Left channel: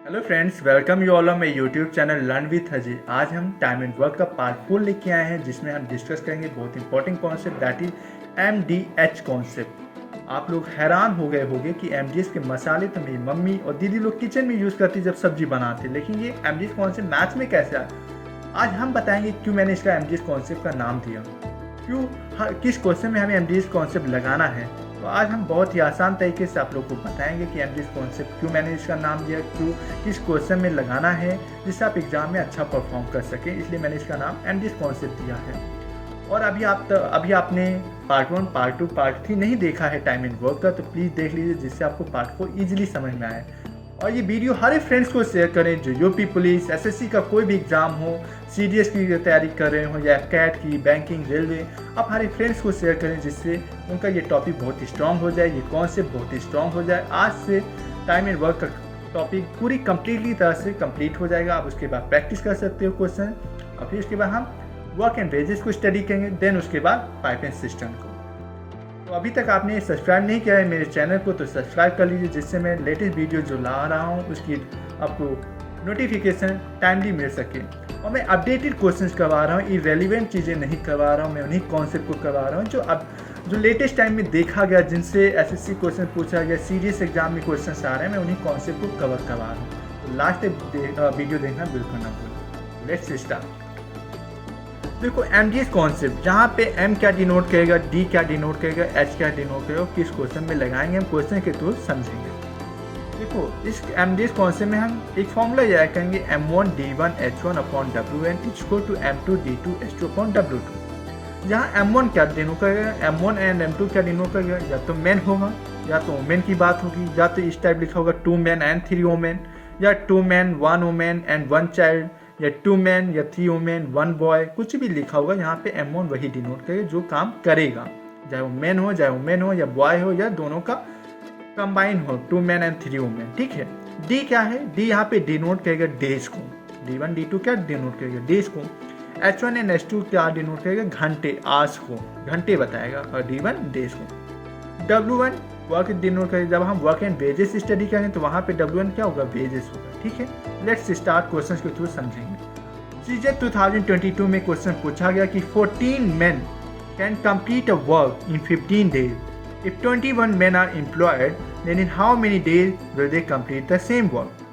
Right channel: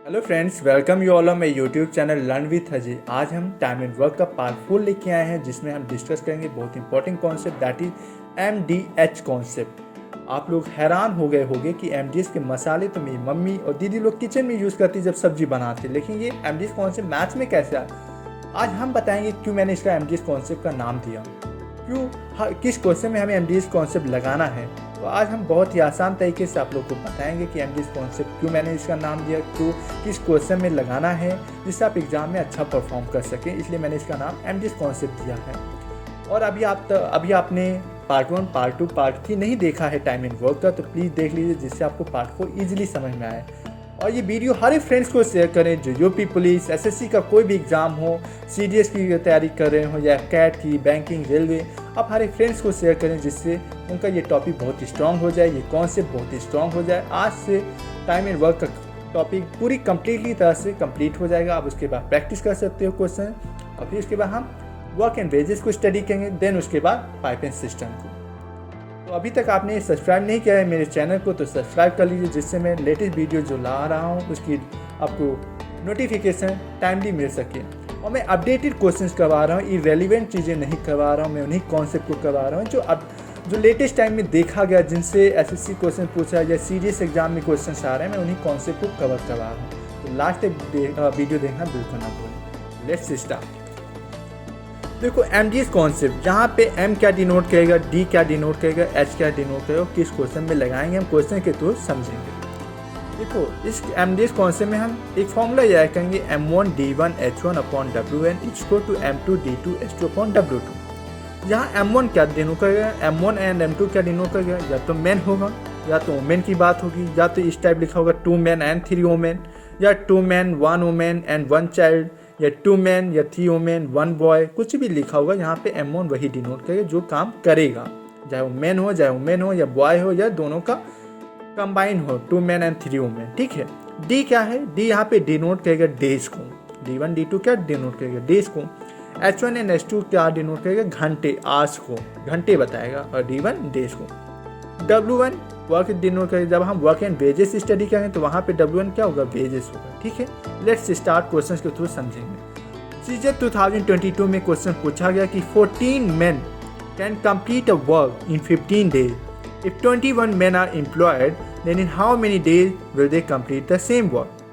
Hello friends, welcome you all on my YouTube channel learn with Ajay. आज हम time and work का part 4 लेके आए हैं, जिसमें हम डिस्कस करेंगे बहुत important concept, that is MDH concept. आप लोग हैरान हो गए होंगे कि MDH के मसाले तो मेरी मम्मी और दीदी लोग किचन में यूज़ करती जब सब्जी बनाते, लेकिन ये MDH कॉन्सेप्ट मैथ्स में कैसे आया। आज हम बताएंगे क्यों मैंने इसका MDH कॉन्सेप्ट का नाम दिया, क्यों किस क्वेश्चन में हमें MDH कॉन्सेप्ट लगाना है। तो आज हम बहुत ही आसान तरीके से आप लोग को बताएंगे कि MDH कॉन्सेप्ट क्यों मैंने इसका नाम दिया, क्यों किस क्वेश्चन में लगाना है, जिससे आप एग्जाम में अच्छा परफॉर्म कर सकें। इसलिए मैंने इसका नाम MDH कॉन्सेप्ट दिया है। और अभी आपने पार्ट 1, पार्ट 2, पार्ट 3 नहीं देखा है टाइम एंड वर्क का, तो प्लीज़ देख लीजिए, जिससे आपको पार्ट 4 ईजिली समझ में आए। और ये वीडियो हर एक फ्रेंड्स को शेयर करें जो यूपी पुलिस, SSC का कोई भी एग्ज़ाम हो, CDS की तैयारी कर रहे हो या कैट की, बैंकिंग, रेलवे, आप हर एक फ्रेंड्स को शेयर करें, जिससे उनका ये टॉपिक बहुत ही स्ट्रांग हो जाए, ये कॉन्सेप्ट बहुत ही स्ट्रांग हो जाए। आज से टाइम एंड वर्क का टॉपिक पूरी कम्प्लीटली तरह से कंप्लीट हो जाएगा। आप उसके बाद प्रैक्टिस कर सकते हो क्वेश्चन, और फिर उसके बाद हम वर्क एंड वेजेस को स्टडी करेंगे, देन उसके बाद पाइप एंड सिस्टम को। तो अभी तक आपने सब्सक्राइब नहीं किया है मेरे चैनल को, तो सब्सक्राइब कर लीजिए, जिससे मैं लेटेस्ट वीडियो जो ला रहा हूँ उसकी आपको नोटिफिकेशन टाइमली मिल सके। और मैं अपडेटेड क्वेश्चंस करवा रहा हूँ, इरेलीवेंट चीज़ें नहीं करवा रहा हूँ, मैं उन्हीं कॉन्सेप्ट को करवा रहा हूँ जो लेटेस्ट टाइम में देखा गया, जिनसे SSC क्वेश्चन पूछा या सीरियस एग्जाम में क्वेश्चन आ रहे हैं, मैं उन्हीं कॉन्सेप्ट को कवर करवा रहा हूँ। तो लास्ट तक वीडियो देखना बिल्कुल ना भूलें। Let's start. देखो MDH कॉन्सेप्ट, जहाँ पे M क्या डिनोट करेगा, D क्या डिनोट करेगा, H क्या डिनोट करेगा, किस क्वेश्चन में लगाएंगे, हम क्वेश्चन के थ्रू समझेंगे। देखो इस MDH कॉन्सेप्ट में हम एक फॉर्मूला याद करेंगे, M1 D1 H1 upon WN equal to M2 D2 H2 upon W2। यहाँ M1 क्या डिनोट करेगा, M1 एंड M2 क्या डिनोट करेगा, या तो मैन होगा या तो वोमेन की बात होगी, या तो इस टाइप लिखा होगा 2 men एंड 3 women, या 2 men 1 woman एंड 1 child, या 2 men या 3 women 1 boy, कुछ भी लिखा होगा यहाँ पे M1 वही डिनोट करेगा जो काम करेगा, चाहे वो मैन हो, चाहे वोमेन हो, या बॉय हो, या दोनों का कंबाइन हो, 2 men एंड 3 women। ठीक है। D क्या है, D यहाँ पे डिनोट करेगा डेज को, D1 D2 क्या डिनोट करेगा डेज को, H1 एंड H2 क्या डिनोट करेगा घंटे, आवर्स को, घंटे बताएगा, और D1 डेज को। W1 वर्क डिनोट करेगा, जब हम वर्क एंड वेजेस स्टडी करेंगे तो वहाँ पे W1 क्या होगा, वेजेस होगा। ठीक है। लेट्स स्टार्ट क्वेश्चन के थ्रू समझेंगे। सीजे 2022 में क्वेश्चन पूछा गया कि 14 men can complete a work in 15 days. If 21 men are employed, then in how many days will they complete the same work?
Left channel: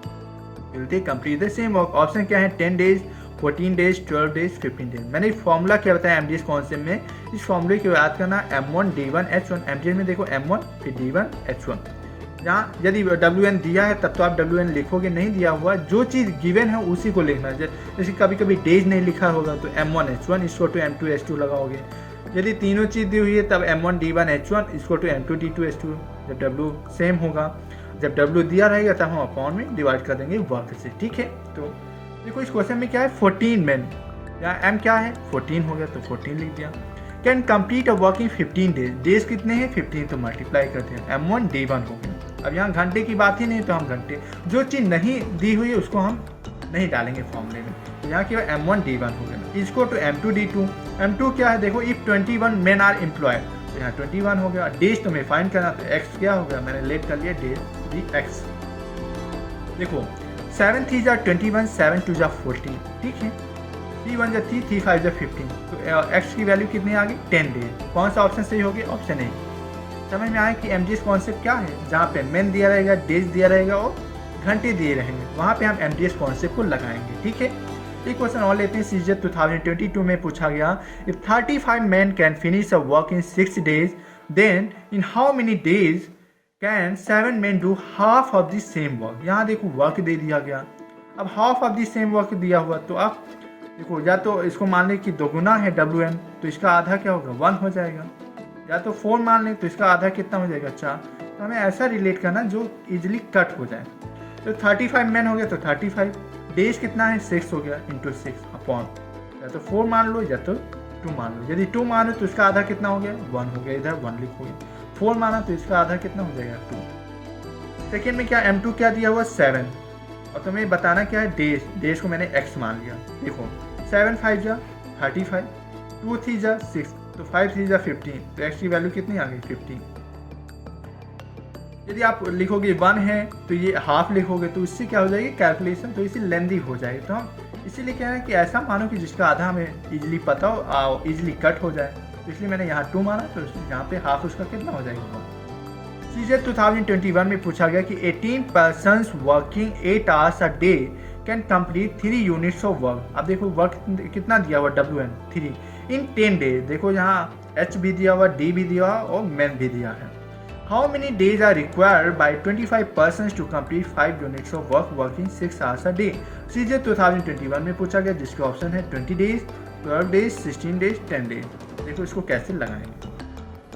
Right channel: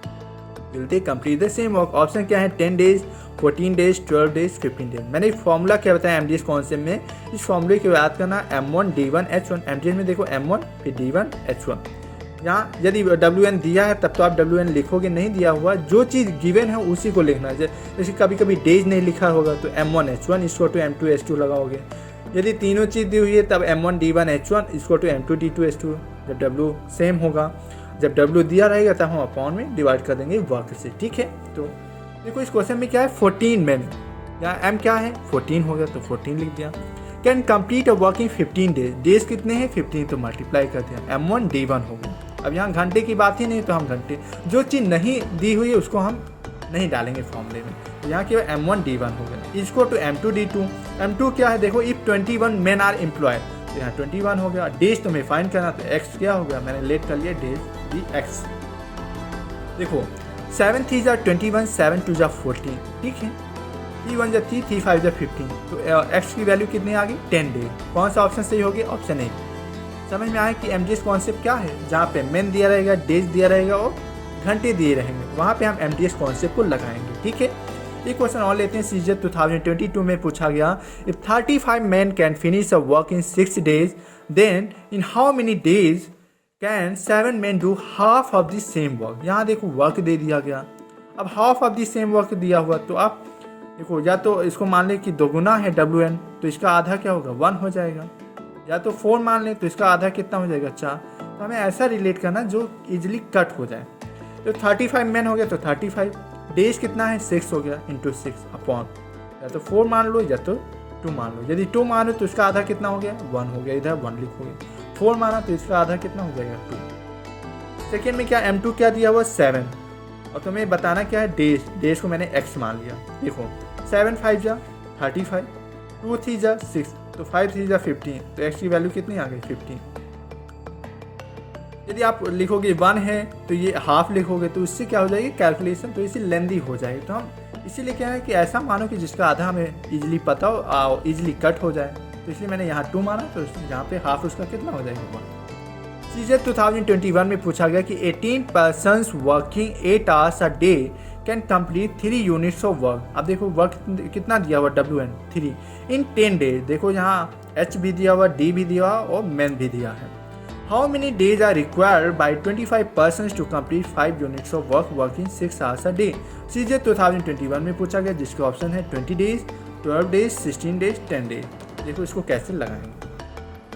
Will they complete the same work? Option क्या है, 10 days, 14 days, 12 days, 15 days। मैंने formula क्या बताया MDH concept में, इस फॉर्मूले की याद करना, M1 D1 H1। MDH में देखो M1 फिर D1 H1। यहाँ यदि WN दिया है तब तो आप WN लिखोगे, नहीं दिया हुआ जो चीज़ गिवन है उसी को लिखना है। जैसे कभी कभी डेज नहीं लिखा होगा तो M1 H1 इसको टू M2 H2 लगाओगे। यदि तीनों चीज़ दी हुई है तब M1 D1 H1 इसको टू M2 D2 H2। जब W सेम होगा, जब W दिया रहेगा तब हम अपॉन में डिवाइड कर देंगे वर्क से। ठीक है। तो देखो इस क्वेश्चन में क्या है, 14 men, यहाँ M क्या है 14 हो गया तो 14 लिख दिया। Can complete a work in 15 days, days कितने हैं 15, तो मल्टीप्लाई करते हैं, M1 D1 हो गया। अब यहाँ घंटे की बात ही नहीं, तो हम घंटे, जो चीज़ नहीं दी हुई है उसको हम नहीं डालेंगे फॉर्मूले में, तो यहाँ केवल M1 D1 हो गया। इसको टू M2 D2। M2 क्या है, देखो इफ 21 men आर एम्प्लॉयड, तो यहाँ 21 हो गया। डेज तो मैं फाइंड करना, तो X क्या हो गया, मैंने लेट कर लिया डेज DX। देखो 7 3 जा 21, 7 2 जा 14। ठीक है। 3 1 जा 3, 3 5 जा 15, तो X की वैल्यू कितनी आ गई, 10 डेज। कौन सा ऑप्शन सही हो गया, ऑप्शन ए। समझ में आया कि MDH कॉन्सेप्ट क्या है, जहाँ पे मैन दिया रहेगा, डेज दिया रहेगा और घंटे दिए रहेंगे, वहाँ पे हम MDH कॉन्सेप्ट को लगाएंगे। ठीक है। एक क्वेश्चन और लेते हैं। सीजे 2022 में पूछा गया, if 35 men can finish a work in 6 days, then in how many days can 7 men do half of the same work. यहाँ देखो वर्क दे दिया गया, अब half of the same work दिया हुआ, तो आप देखो या तो इसको मान लें कि दोगुना है WN, तो इसका आधा क्या होगा 1 हो जाएगा, या तो 4 मान लें तो इसका आधा कितना हो जाएगा 4। तो हमें ऐसा रिलेट करना जो इजीली कट हो जाए। तो 35 men हो गया तो 35, डेज कितना है 6 हो गया, इंटू 6 अपॉन, या तो 4 मान लो या तो 2 मान लो। यदि 2 मानो तो इसका आधा कितना हो गया 1 हो गया, इधर 1 लिखोगे। 4 माना तो इसका आधा कितना हो जाएगा 2। सेकेंड में क्या M2 क्या दिया हुआ 7, और तुम्हें बताना क्या है डेज, डेज को मैंने X मान लिया। देखो 7 5 जा 35, 2 3 जा 6, तो 5 3 जा 15, तो X की वैल्यू कितनी आ गई 15। यदि आप लिखोगे 1 है तो ये हाफ लिखोगे तो इससे क्या हो जाएगी कैलकुलेशन, तो इसे लेंदी हो जाएगी। तो हम इसीलिए क्या है कि ऐसा मानो कि जिसका आधा हमें इजीली पता हो, इजीली कट हो जाए। तो इसलिए मैंने यहाँ 2 माना, तो यहाँ पे हाफ उसका कितना हो जाएगा। सीजर 2021 में पूछा गया कि 18 persons working 8 hours a day can complete 3 units of work. अब देखो वर्क कितना दिया हुआ WN 3 इन 10 डेज। देखो यहाँ H भी दिया हुआ, D भी दिया हुआ और मैन भी दिया है। How many days are required by 25 person to complete 5 units of work working 6 hours a day. सीजर 2021 में पूछा गया जिसके ऑप्शन है 20 डेज, 12 डेज, 16 डेज, 10 डेज। देखो इसको कैसे लगाएंगे।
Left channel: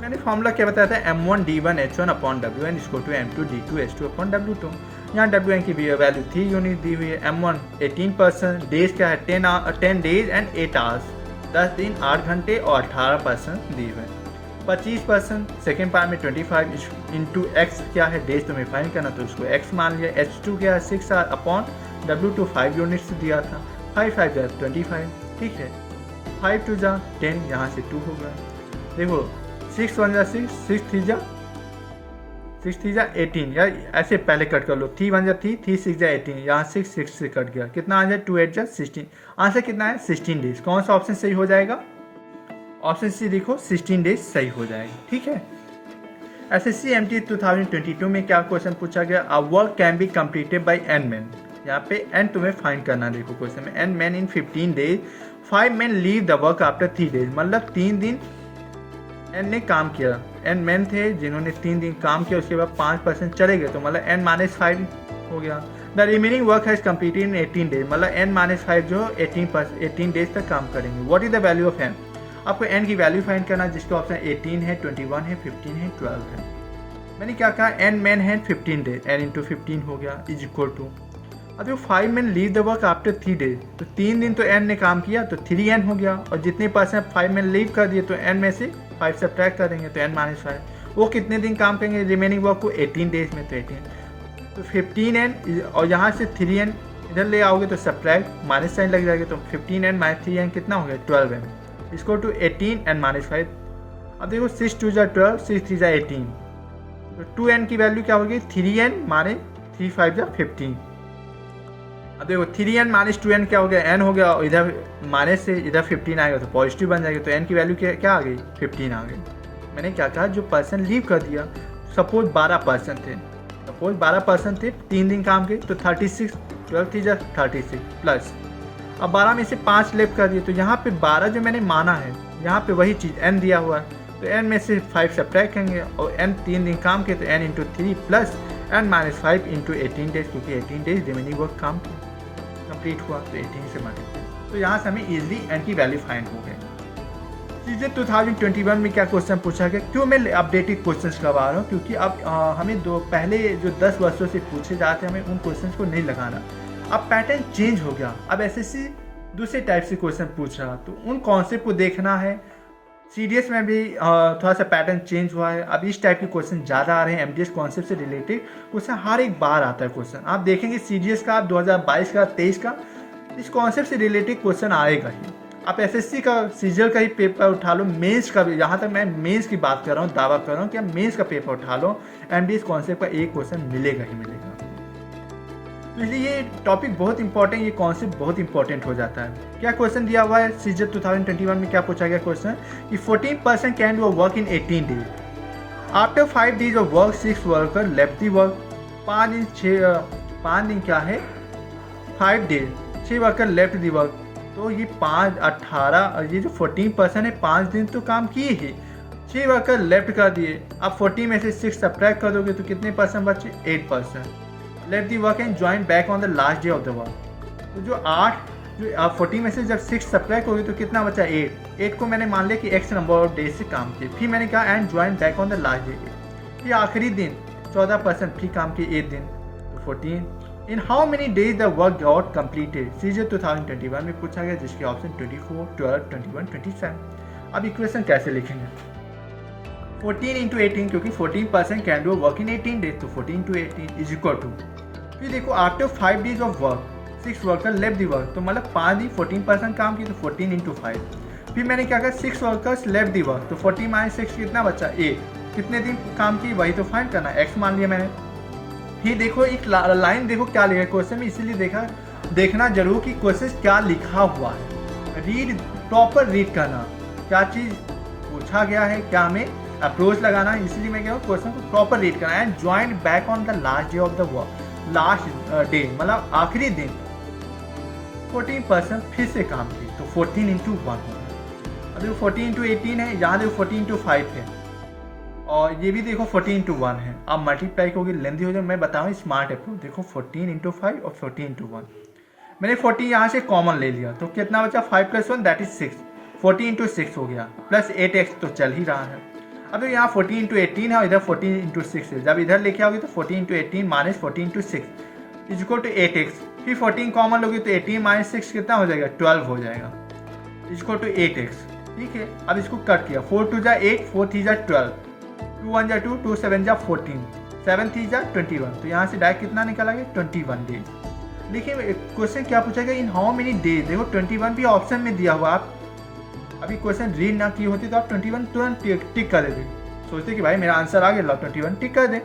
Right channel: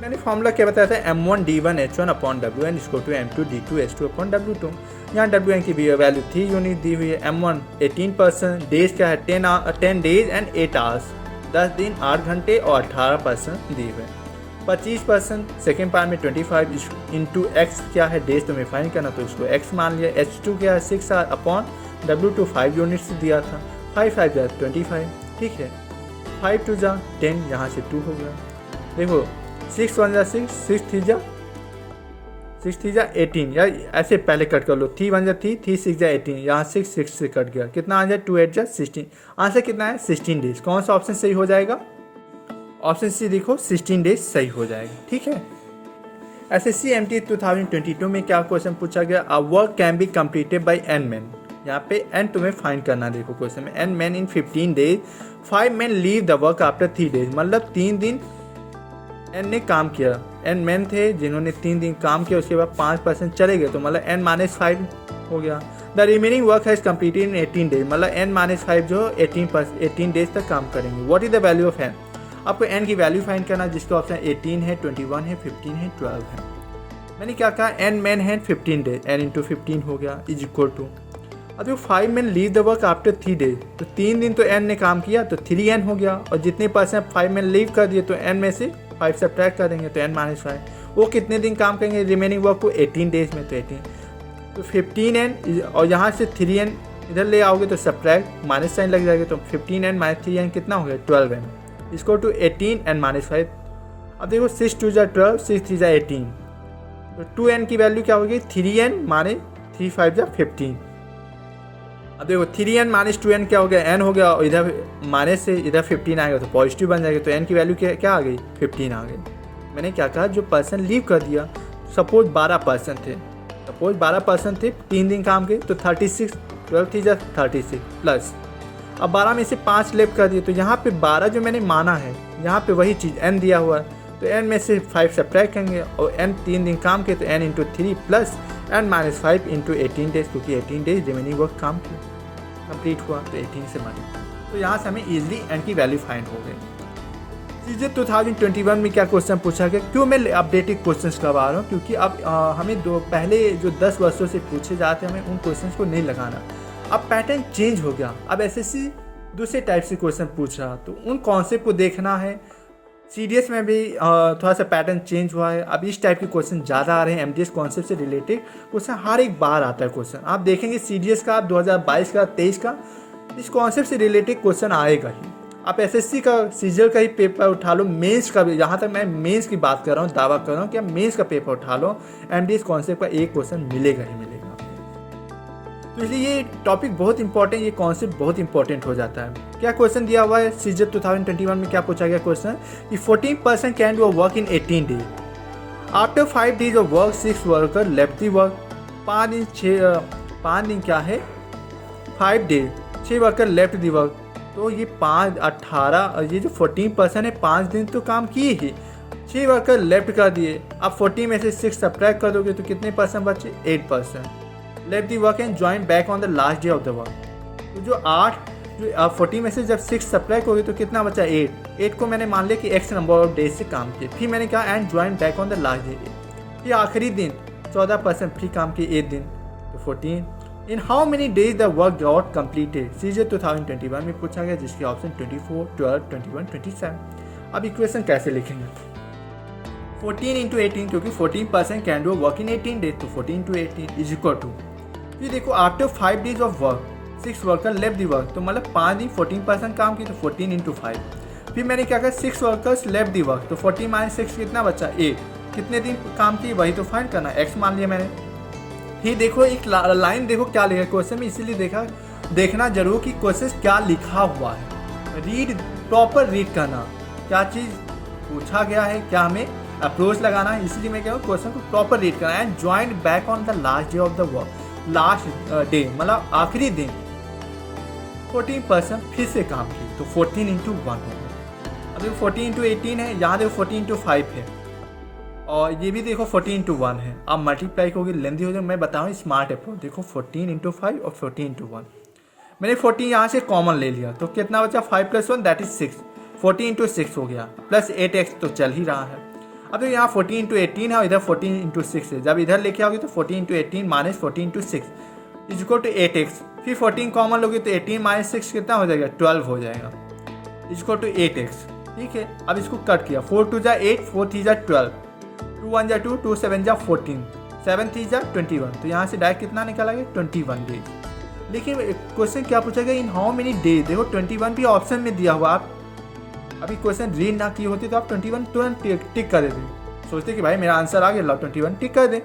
मैंने फॉर्मूला क्या बताया था, M1D1H1/WN = M2D2H2/W2। यहाँ WN की वैल्यू 3 यूनिट दी हुई है। M1 18%, डेज क्या है 10 डेज एंड 8 आवर्स, 10 दिन 8 घंटे और 18% दी हुई है। 25% सेकेंड पार्ट में 25 इंटू एक्स क्या है डेज तुम्हें फाइंड करना, तो उसको x मान लिया। H2 क्या है 6/W2 5 यूनिट्स दिया था, 5 5 जा 25, ठीक है। 5 2 जा 10, यहाँ से 2 हो गया। देखो 6 1 जा 6, 6 3 जा 18, या ऐसे पहले कट कर लो। 3 1 जा 3, 3 6 जा 18, यहाँ 6 6 से कट गया, कितना आ जाए 2 8 जा 16। आंसर कितना है 16 डेज। कौन सा ऑप्शन सही हो जाएगा, ऑप्शन सी देखो 16 डेज सही हो जाएगा, ठीक है। SSC MT 2022 में क्या क्वेश्चन पूछा गया, a work can be completed by n man. यहाँ पे n तुम्हें फाइंड करना, देखो क्वेश्चन में n man in 15 days, 5 man leave the work after 3 days. मतलब 3 दिन n ने काम किया, n मैन थे जिन्होंने 3 दिन काम किया, उसके बाद 5% चले गए, तो मतलब n-5 हो गया। The remaining work has completed in 18 days, मतलब n-5 जो 18 डेज तक काम करेंगे। What is the value of n, आपको n की वैल्यू फाइंड करना, जिसका ऑप्शन 18 है, 21 है, 15 है, 12 है। मैंने क्या कहा, n मैन है 15 डेज, n इंटू 15 हो गया इज इक्वल टू, अब 5 man leave the work after 3 days, तो 3 दिन तो n ने काम किया तो 3n हो गया, और जितने परसेंट 5 मैन लीव कर दिए तो n में से 5 सब्ट्रैक्ट करेंगे तो n-5, वो कितने दिन काम करेंगे रिमेनिंग वर्क को 18 डेज में, तो 18 तो 15n, और यहाँ से 3n इधर ले आओगे तो सब्ट्रैक्ट माइनस साइन लग जाएगा, तो 15n माइनस 3n कितना हो गया 12n, इसको टू 18 and -5। अब देखो 6 2 जा 12, 6 3 जा 18, तो 2n की वैल्यू क्या होगी 3n माने 3 5 जा 15। अब देखो 3n माइनस 2n क्या हो गया n हो गया, और इधर माइनस से इधर 15 आएगा तो पॉजिटिव बन जाएगा, तो n की वैल्यू क्या आ गई 15 आ गई। मैंने क्या कहा, जो पर्सन लीव कर दिया, सपोज 12% थे 3 दिन काम के, तो 36, 12 3 जा 36 प्लस, अब 12 में से 5 लेफ्ट कर दिए, तो यहाँ पे 12 जो मैंने माना है, यहाँ पे वही चीज़ n दिया हुआ है, तो n में से 5 सब्ट्रैक्ट करेंगे, और n 3 दिन काम के तो n into 3 plus n-5 into 18 days, क्योंकि 18 डेज रिमेनिंग वर्क काम कंप्लीट हुआ, तो 18 से माने, तो यहाँ से हमें ईजिली n की वैल्यू फाइंड हो गई। सीजर 2021 में क्या क्वेश्चन पूछा गया, क्यों मैं अपडेटेड क्वेश्चन करवा रहा हूँ, क्योंकि अब हमें पहले जो 10 वर्षों से पूछे जाते हैं, हमें उन क्वेश्चन को नहीं लगाना। अब पैटर्न चेंज हो गया, अब SSC दूसरे टाइप से क्वेश्चन पूछ रहा, तो उन कॉन्सेप्ट को देखना है। CDS में भी थोड़ा सा पैटर्न चेंज हुआ है, अब इस टाइप के क्वेश्चन ज़्यादा आ रहे हैं। MDS कॉन्सेप्ट से रिलेटेड क्वेश्चन हर एक बार आता है क्वेश्चन, आप देखेंगे CDS का 2022 का 23 का इस कॉन्सेप्ट से रिलेटेड क्वेश्चन आएगा ही। आप SSC का सीजर का ही पेपर उठा लो, मेंस का भी, यहाँ तक मैं मेंस की बात कर रहा हूँ, दावा कर रहा हूँ कि आप मेंस का पेपर उठा लो, MDS कॉन्सेप्ट का एक क्वेश्चन मिलेगा ही मिलेगा। तो इसलिए ये टॉपिक बहुत इंपॉर्टेंट, ये कॉन्सेप्ट बहुत इंपॉर्टेंट हो जाता है। क्या क्वेश्चन दिया हुआ है सीजर 2021 में, क्या पूछा गया क्वेश्चन कि 14% can do work in 18 days, after 5 days of work 6 worker left the work. 5 दिन क्या है 5 days, 6 worker left the work, तो ये 5 18, और ये जो 14% है 5 दिन तो काम किए ही, 6 वर्कर लेफ्ट कर दिए। अब 40 में से 6 सब्ट्रैक्ट कर दोगे तो कितने परसेंट बचे 8%। Let the work and join back on the last day of the work, तो जो 40 में से जब 6 सब्ट्रैक्ट हो गए तो कितना बचा 8 को मैंने मान लिया कि x नंबर ऑफ डेज से काम किए, फिर मैंने कहा and join back on the last day, फिर आखिरी दिन 14% फिर काम किए 8 दिन, तो 14। In how many days the work got completed, सीजर 2021 में पूछा गया, जिसके ऑप्शन 24, 12, 21, 27। अब इक्वेशन कैसे लिखेंगे, 14 इंटू 18, क्योंकि 14% can do work in 18 days, तो 14 इंटू 18 इज इक्वल टू, फिर देखो after 5 days of work 6 worker left the work, तो मतलब 5 दिन 14% काम की, तो 14 इंटू 5। फिर मैंने क्या कहा 6 वर्कर्स लेफ्ट दी वर्क, तो 40 माइनस 6 कितना बचा 8, कितने दिन काम की वही तो फाइंड करना है, एक्स मान लिया मैंने। फिर देखो एक लाइन देखो क्या लिखा है क्वेश्चन में, इसीलिए देखना जरूर कि क्वेश्चन क्या लिखा हुआ है। रीड, प्रॉपर रीड करना, क्या चीज़ पूछा गया है, क्या हमें अप्रोच लगाना है, इसलिए मैं कह रहा हूँ क्वेश्चन को प्रॉपर रीड करना है। And join back on the last day of the work, last day मतलब आखिरी दिन 14% फिर से काम की, तो 14 इंटू 1 होगा। अब देखो 14 इंटू 18 है, यहाँ देखो 14 इंटू 5 है, और ये भी देखो 14 इंटू 1 है। अब मल्टीप्लाई होगी, लेंदी हो जाए, मैं बताऊँ स्मार्ट अप्रोच। देखो 14 इंटू 5 और 14 इंटू 1, मैंने 14 यहाँ से कॉमन ले लिया, तो कितना बचा 5 + 1 दैट इज 6, 14 इंटू 6 हो गया, प्लस 8x तो चल ही रहा है। अब यहाँ 14 इंटू 18 है और इधर 14 इंटू 6 है, जब इधर लेके आओगे तो 14 into 18 minus 14 into 6 is equal to 8x। फिर 14 कॉमन लोगे तो 18 माइनस 6 कितना हो जाएगा, 12 हो जाएगा, इज इक्वल टू 8x। ठीक है, अब इसको कट किया, 4 2 जा 8, 4 3 जा 12, 2 1 जा 2, 2 7 जा 14, 7 3 जा 21, तो यहाँ से डायरेक्ट कितना निकाला गया 21 डेज। देखिए क्वेश्चन क्या पूछा गया, इन हाउ मेनी डेज, देखो 21 भी ऑप्शन में दिया हुआ। आप अभी क्वेश्चन रीड ना किए होते तो आप 21 तुरंत टिक कर देते, सोचते कि भाई मेरा आंसर आ गया, लो 21 टिक कर दे।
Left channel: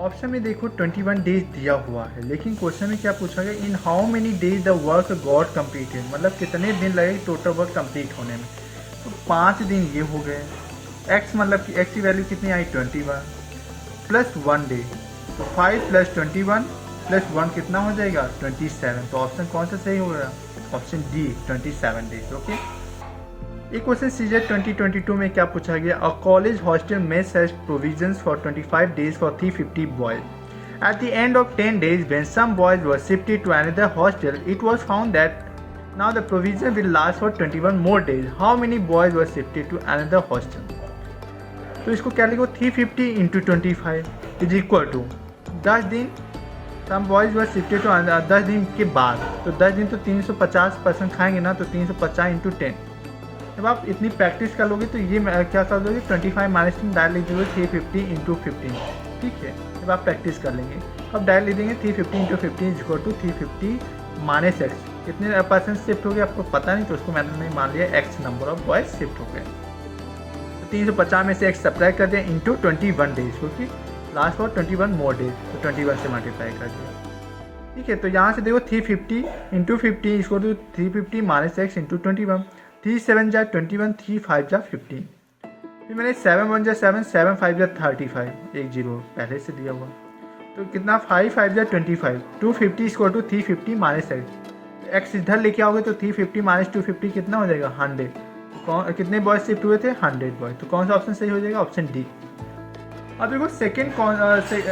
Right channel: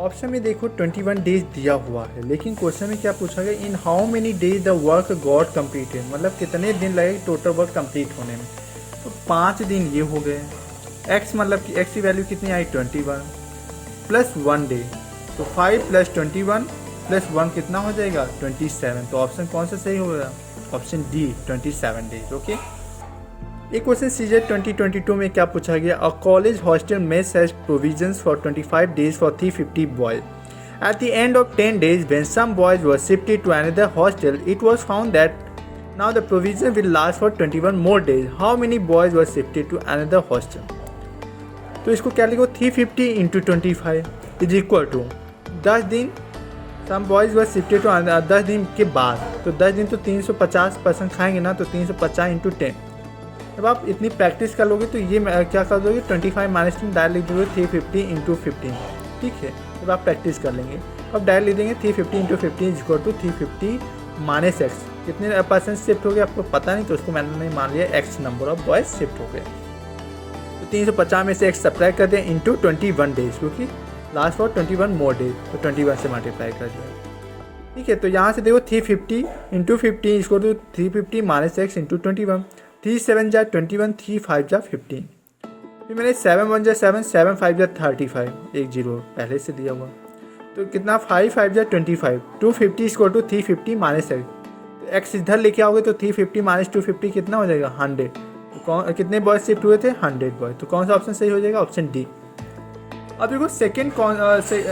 ऑप्शन में देखो 21 डेज दिया हुआ है, लेकिन क्वेश्चन में क्या पूछा गया, इन how many days the work got completed, मतलब कितने दिन लगे टोटल वर्क कंप्लीट होने में। तो 5 दिन ये हो गए। एक्स मतलब कि एक्स की वैल्यू कितनी आई 21 प्लस 1 डे, तो 5 + 21 + 1 कितना हो जाएगा 27। तो ऑप्शन कौन सा सही होगा, ऑप्शन डी 27 डेज। ओके, एक क्वेश्चन सीजेट 2022 में क्या पूछा गया, a college hostel mess has provisions for 25 days for 350 boys. At the end of 10 days when some boys were shifted to another hostel, it was found that now the provision will last for 21 more days. How many boys were shifted to another hostel? तो इसको क्या लिखो, 350 into 25 is equal to 10 दिन, सम boys were shifted to 10 दिन के बाद, तो 10 दिन तो 350% खाएंगे ना, तो 350 इंटू 10। जब आप इतनी प्रैक्टिस कर लोगे तो ये क्या कर दोगे 25 माइनस 10 डायरेक्ट लिख दोगे 350 इंटू 15। ठीक है, जब आप प्रैक्टिस कर लेंगे अब डायरेक्ट लिख देंगे 350 into 15 is equal to 350 minus x. कितने % शिफ्ट हो गए आपको पता नहीं, तो उसको मैंने मान लिया x number of boys shift हो गए। तो 350 में से एक्स सब्ट्रैक्ट कर दें इंटू 21 डेज, क्योंकि लास्ट फॉर 21 मोर डेज, तो 21 से मल्टीप्लाई कर दिया। ठीक है, तो यहाँ से देखो 350 इंटू 15 इसको तो 350 माइनस एक्स इंटू 21, 3 7 जा 21, 3 5 जा 15, फिर मैंने 7 1 जा 7, 7 5 जा 35, एक जीरो पहले से दिया हुआ, तो कितना 5 5 जा 25, 250 इसको टू 350 माइनस एक्स, एक्स इधर लेके आओगे तो 350 माइनस 250 कितना हो जाएगा 100। तो कितने बॉयज शिफ्ट हुए थे 100 बॉयज, तो कौन सा ऑप्शन सही हो जाएगा, ऑप्शन डी। अब देखो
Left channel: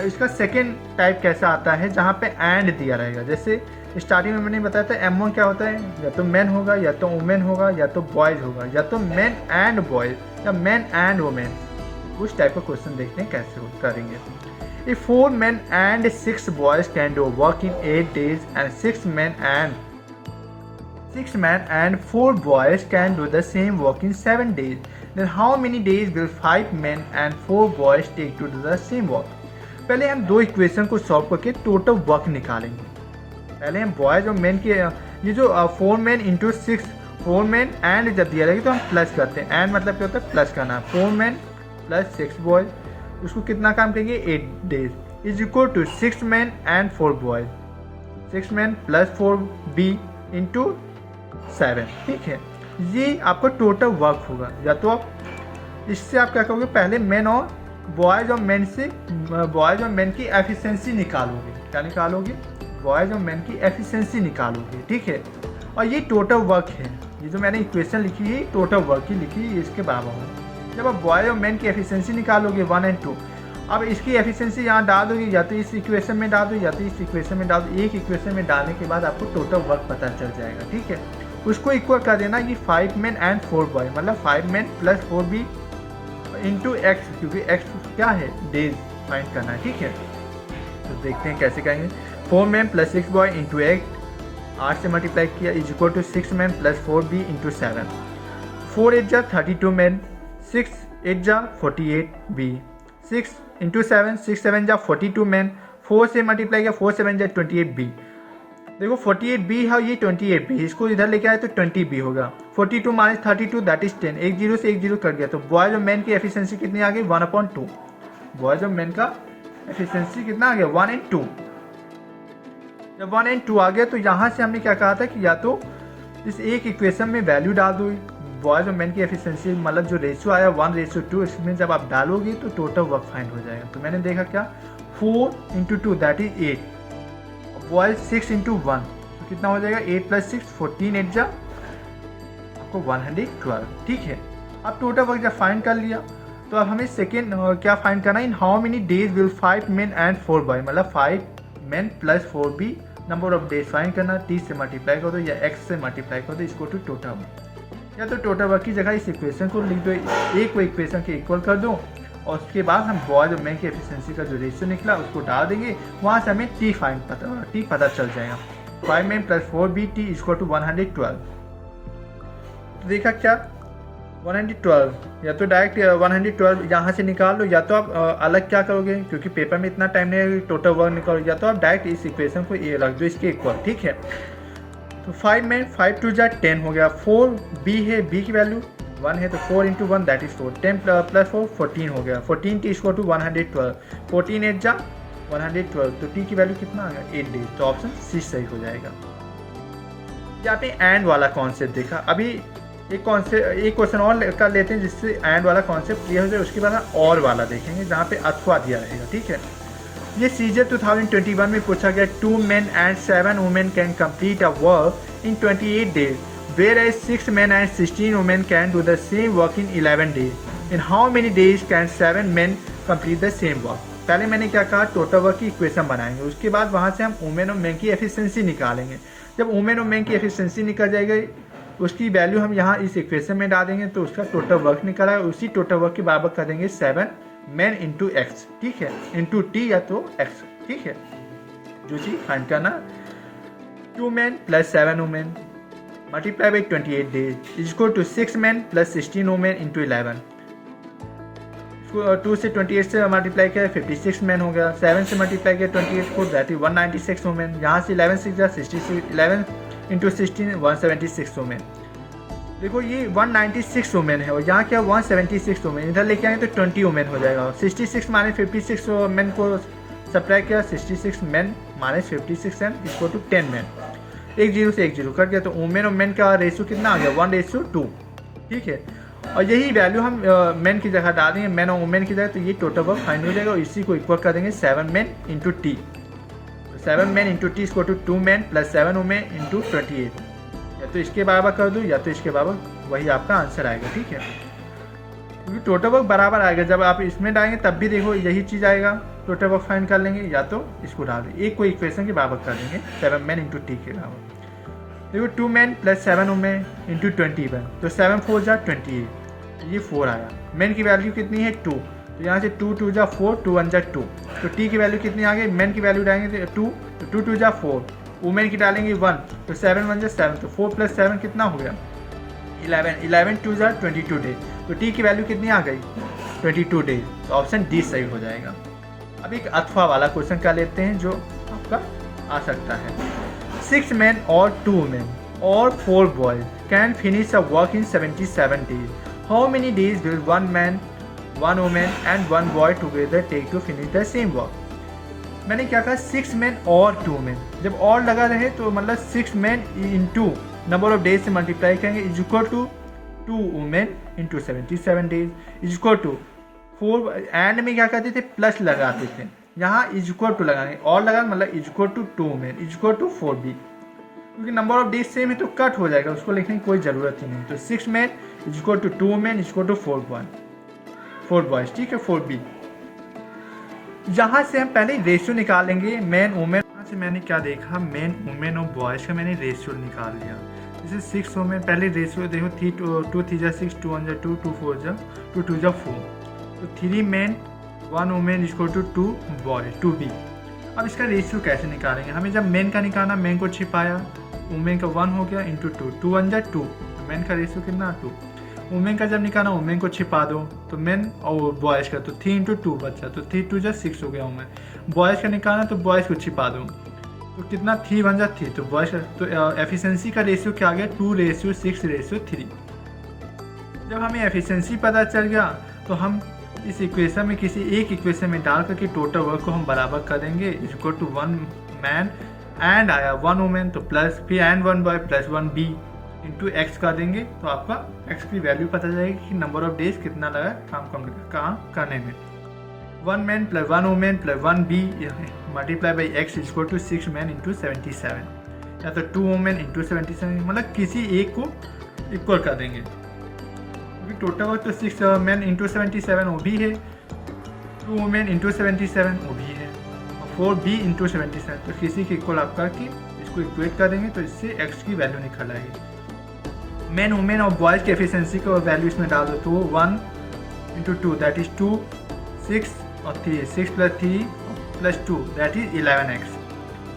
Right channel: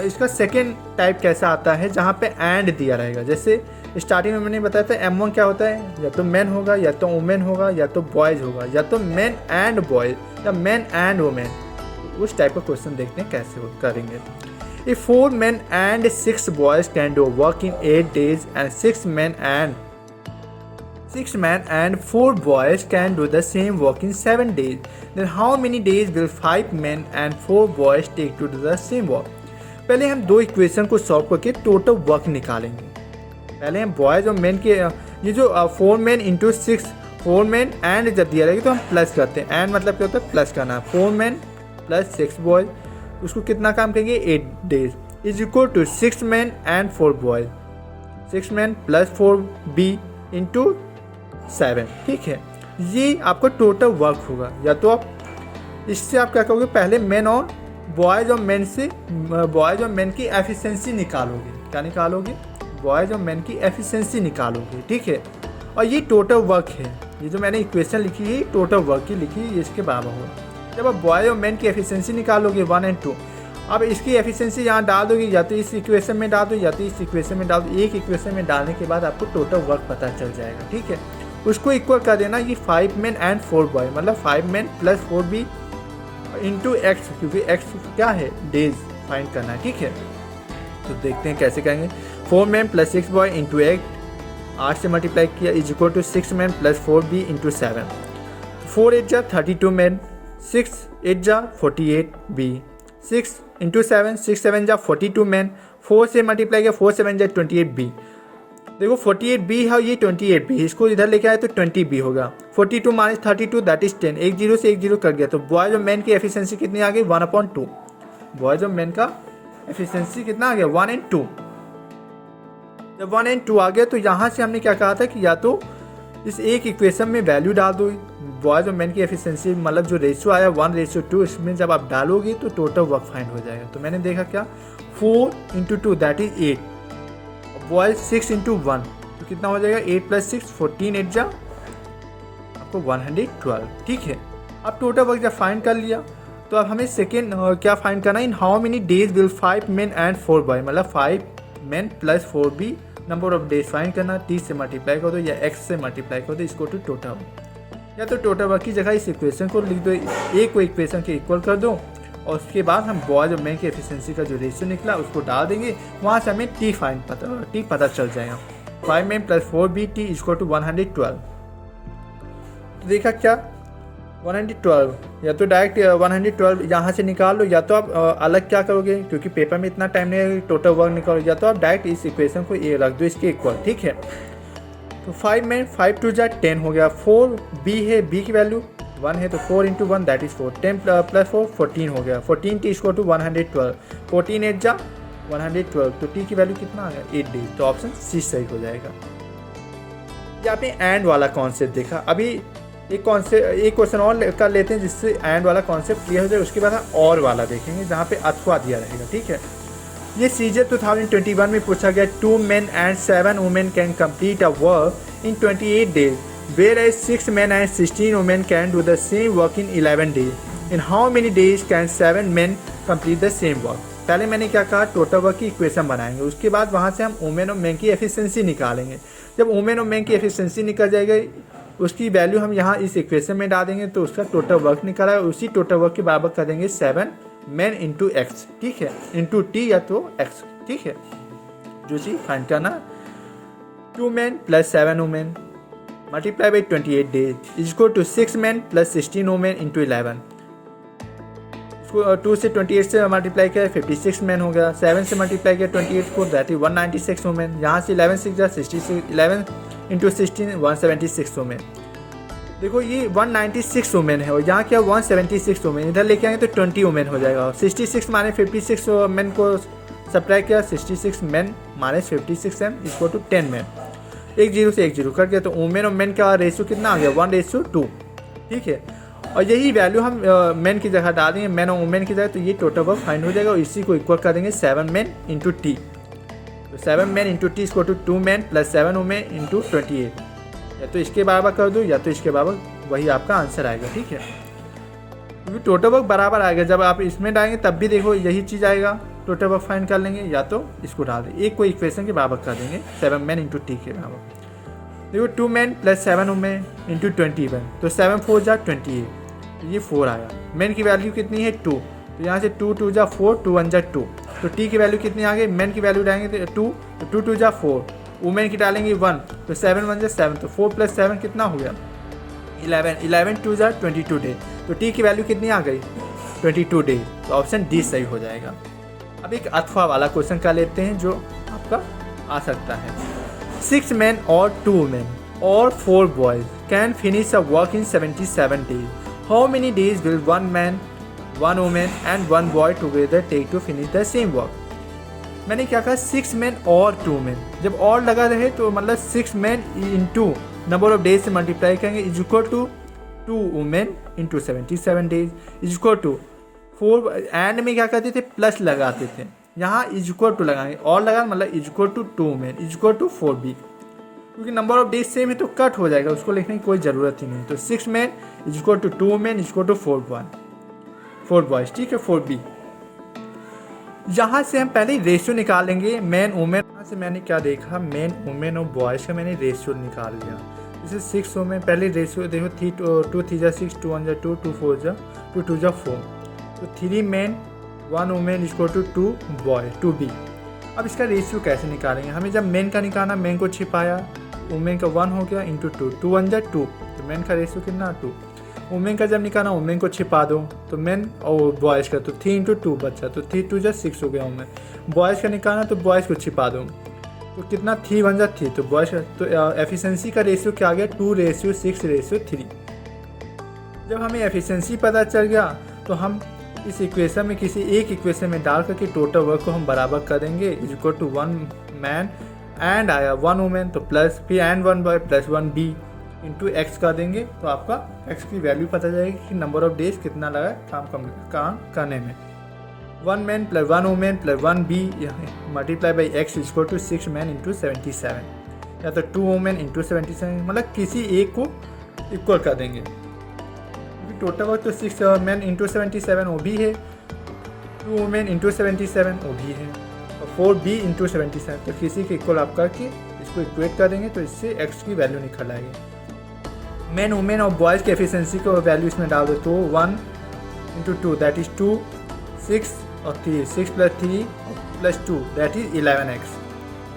इसका सेकेंड टाइप कैसा आता है, जहाँ पे एंड दिया रहेगा। जैसे स्टार्टिंग में मैंने बताया था M1 क्या होता है, या तो मैन होगा, या तो वुमेन होगा, या तो बॉयज़ होगा, या तो मैन एंड बॉयज या मैन एंड वुमेन। उस टाइप का क्वेश्चन देखते हैं कैसे करेंगे। If 4 men and 6 boys can do work in 8 days and 6 men and 4 boys can do the same work in 7 days, then how many days will 5 men and 4 boys take to do the same work? पहले हम दो equation को solve करके total work निकालेंगे। पहले हम boys और man के ये जो 4 men इंटू 6, 4 men एंड जब दिया रहेगा तो हम प्लस करते हैं। एंड मतलब क्या होता है प्लस करना है, 4 men प्लस 6 बॉयज़, उसको कितना काम करेंगे 8 days is equal to 6 men and 4 boys, 6 men plus 4b into 7। ठीक है, ये आपका टोटल वर्क होगा। या तो आप इससे आप क्या करोगे, पहले मैन और बॉयज़ और मैन से बॉयज़ और मैन की एफिशिएंसी निकालोगे। क्या निकालोगे, बॉयज़ और मैन की एफिशिएंसी निकालोगे। ठीक है, और ये टोटल वर्क है, ये जो मैंने इक्वेशन लिखी है टोटल वर्क की लिखी है, इसके बराबर होगा। जब आप बॉयज़ और मैन की एफिशिएंसी निकालोगे 1 और 2, अब इसकी एफिशिएंसी यहाँ डाल दोगे, या तो इस इक्वेशन में डाल दो या तो इस इक्वेशन में डाल दो। एक इक्वेशन में डालने के बाद आपको टोटल वर्क पता चल जाएगा। ठीक है, उसको इक्वल कर देना कि 5 men एंड 4 बॉय, मतलब 5 men plus 4b into x, क्योंकि एक्स क्या है डेज फाइंड करना है। ठीक है, तो देखते हैं कैसे करेंगे। 4 men प्लस 6 बॉय इंटू 8 से मल्टीप्लाई किया is equal to 6 men plus 4b into 7, 4 8 जा 32 men, 6 8 जा 48b, 6 इंटू 7, 6 7 जा 42 men, 4 से मल्टीप्लाई किया 4 7 जा 28b, देखो 48b है, ये 28b, इसको इधर लेके आए तो 20b होगा। 42 माइनस 32 दैट इज 10, एक जीरो से एक जीरो कट गया, तो बॉयज और मैन की एफिशिएंसी कितनी आ गई 1/2। बॉयज और मैन का एफिशिएंसी कितना आ गया 1:2। जब 1:2 आ गया तो यहाँ से हमने क्या कहा था कि या तो इस एक इक्वेशन में वैल्यू डाल दो, बॉयज और मैन की एफिशिएंसी मतलब जो रेशियो आया 1:2, इसमें जब आप डालोगे तो टोटल वर्क फाइंड हो जाएगा। तो मैंने देखा क्या 4 × 2 दैट इज 8, बॉयज 6 × 1 तो कितना हो जाएगा 8 + 6 14, 8 जा आपको 112। ठीक है, अब टोटल वर्क जब फाइंड कर लिया तो अब हमें सेकेंड क्या फाइंड करना है, इन how many days will 5 men and 4 boys, मतलब 5 men + 4b number of days find करना, 30 से मल्टीप्लाई कर दो या x से मल्टीप्लाई कर दो, इसको टू टोटल, या तो टोटल वर्क की जगह इस इक्वेशन को लिख दो, एक को इक्वेशन के इक्वल कर दो और उसके बाद हम बॉयज और मैन की एफिशिएंसी का जो रेशियो निकला उसको डाल देंगे, वहाँ से हमें टी पता चल जाएगा। 5 men + 4b t = 112। तो देखा क्या 112, या तो डायरेक्ट 112 यहाँ से निकाल लो, या तो आप अलग क्या करोगे क्योंकि पेपर में इतना टाइम नहीं है टोटल वर्क निकालो, या तो आप डायरेक्ट इस इक्वेशन को ये रख दो इसके इक्वल। ठीक है, तो 5 में 5 2 जा 10 हो गया, 4 b है, b की वैल्यू 1 है तो 4 × 1 दैट इज 4, 10 + 4 14 हो गया, 14 t = 112, 14 8 जा 112, तो t की वैल्यू कितना आ गया 8 डेज, तो ऑप्शन सी सही हो जाएगा। यहाँ पे एंड वाला कॉन्सेप्ट देखा, अभी एक क्वेश्चन और कर लेते हैं जिससे एंड वाला कॉन्सेप्ट क्लियर हो जाए, उसके बाद हम और वाला देखेंगे जहाँ पे अथवा दिया रहेगा। ठीक है, ये सीजर 2021 में पूछा गया 2 men and 7 women can complete a work in 28 days, whereas 6 men and 16 women can do the same work in 11 days. In how many days can 7 men complete the same work? पहले मैंने क्या कहा total work की equation बनाएंगे, उसके बाद वहाँ से हम वुमेन और मैन की एफिशिएंसी निकालेंगे। जब वुमेन और मैन की एफिशिएंसी निकल जाएगी उसकी वैल्यू हम यहाँ इस इक्वेशन में डाल देंगे तो उसका टोटल वर्क निकला है, उसी टोटल वर्क के बराबर कर देंगे 7 men × x। ठीक है, इंटू t या तो x। ठीक है, जो चीज़ फाइंड करना 2 men + 7 women multiply by 28 days = 6 men + 16 women × 11। इसको 2 से 28 से मल्टीप्लाई किया 56 men हो गया, 7 से मल्टीप्लाई किया 28 को दैट इज 196 women, यहाँ से 11 6 जा 66, 11 × 16 176 women। देखो ये 196 वुमेन है और यहाँ क्या 176 वुमेन, इधर लेके आएंगे तो 20 वुमेन हो जाएगा। 66 माइनस 56 मैन को सब्ट्रैक्ट किया, 66 मैन माइनस 56 m = 10 मैन, एक जीरो से एक जीरो कट गया, तो वुमेन और मैन का रेशियो कितना आ गया 1:2। ठीक है, और यही वैल्यू हम मैन की जगह डाल देंगे, मैन और वुमेन की जगह, तो ये टोटल वर्क फाइंड हो जाएगा और इसी को इक्वल कर देंगे 7 men × t, 7 men × t = 2 men + 7 women × 28, या तो इसके बराबर कर दो या तो इसके बराबर, वही आपका आंसर आएगा। ठीक है, क्योंकि टोटल वर्क बराबर आएगा, जब आप इसमें डालेंगे तब भी देखो यही चीज़ आएगा, टोटल वर्क फाइंड कर लेंगे या तो इसको डाल देंगे, एक को इक्वेशन के बराबर कर देंगे 7 men × t के बराबर। देखो 2 men + 7 women × 21, तो 7 4 जा 28, ये 4 आया। मैन की वैल्यू कितनी है 2, तो यहाँ से 2 2 जा 4, 2 1 जा 2, तो टी की वैल्यू कितनी आ गई, मैन की वैल्यू डालेंगे तो 2, तो 2 2 जा 4, वुमेन की डालेंगे 1, तो 7 1 जा 7, तो 4 + 7 कितना हो गया 11, 11 2 जा 22 डेज, तो टी की वैल्यू कितनी आ गई 22 डेज, तो ऑप्शन डी सही हो जाएगा। अब एक अथवा वाला क्वेश्चन कर लेते हैं जो आपका आ सकता है। 6 men or 2 women or 4 boys can finish a work in 77 days. How many days will 1 man, 1 woman and 1 boy together take to finish the same work? मैंने क्या कहा 6 men और 2 men, जब और लगा रहे तो मतलब 6 men into number of days से मल्टीप्लाई करेंगे = 2 women × 77 days = 4, एंड में क्या करते थे प्लस लगाते थे, यहाँ = लगाएंगे और लगा मतलब = 2 women = 4b, क्योंकि नंबर ऑफ डेज सेम है तो कट हो जाएगा, उसको लिखने की कोई ज़रूरत ही नहीं। तो 6 men = 2 women = 4 boys। ठीक है, 4b। यहाँ से हम पहले रेशियो निकालेंगे मैन वुमेन, यहाँ से मैंने क्या देखा मैन वुमेन और बॉयज़ का मैंने रेशियो निकाल लिया। जैसे 6 वुमेन पहले रेशियो देखो 2 3 जा 6, 2 1 जा 2, 2 4 जा 2 2 जा 4, तो 3 men 1 woman = 2 boy 2b। अब इसका रेशियो कैसे निकालेंगे, हमें जब मैन का निकालना, मैन को छिपाया, वुमेन का 1 हो गया × 2, 2 1 जा 2, तो मैन का रेशियो कितना 2। वुमेन का जब निकालना वुमेन को छिपा दो, तो मैन और बॉयज़ का तो 3 × 2 बचा, तो 3 2 जा 6 हो गया वुमेन। बॉयज़ का निकालना तो बॉयज़ को छिपा दो, तो कितना 3 1 जा 3, तो बॉयज़ तो एफिशिएंसी का रेशियो क्या आ गया 2:6:3। जब हमें एफिशिएंसी पता चल गया तो हम इस इक्वेशन में किसी एक इक्वेशन में डाल करके टोटल वर्क को हम बराबर कर देंगे इक्वल टू 1 मैन एंड आया 1 वुमेन, तो प्लस फिर and 1 boy plus 1 B into x कर देंगे, तो आपका एक्स की वैल्यू पता जाएगी कि नंबर ऑफ डेज कितना लगा काम करने में। 1 man plus 1 women plus 1 B multiply by x equal to 6 man into 77, या तो 2 वुमेन इंटू 77, मतलब किसी एक को इक्वल कर देंगे क्योंकि टोटल वर्क तो 6 मैन इंटू 77 वो भी है, 2 वुमेन इंटू 77 वो भी है, और 4 बी इंटू 77, तो किसी के इक्वल आप करके इसको इक्वेट कर देंगे तो इससे एक्स की वैल्यू निकल आएगी। मैन वुमेन और बॉयज़ की एफिशिएंसी को वैल्यू इसमें डाल दो तो 1 इंटू 2 दैट इज़ 2, 6 और 3, 6 plus 3 plus 2 that is 11x।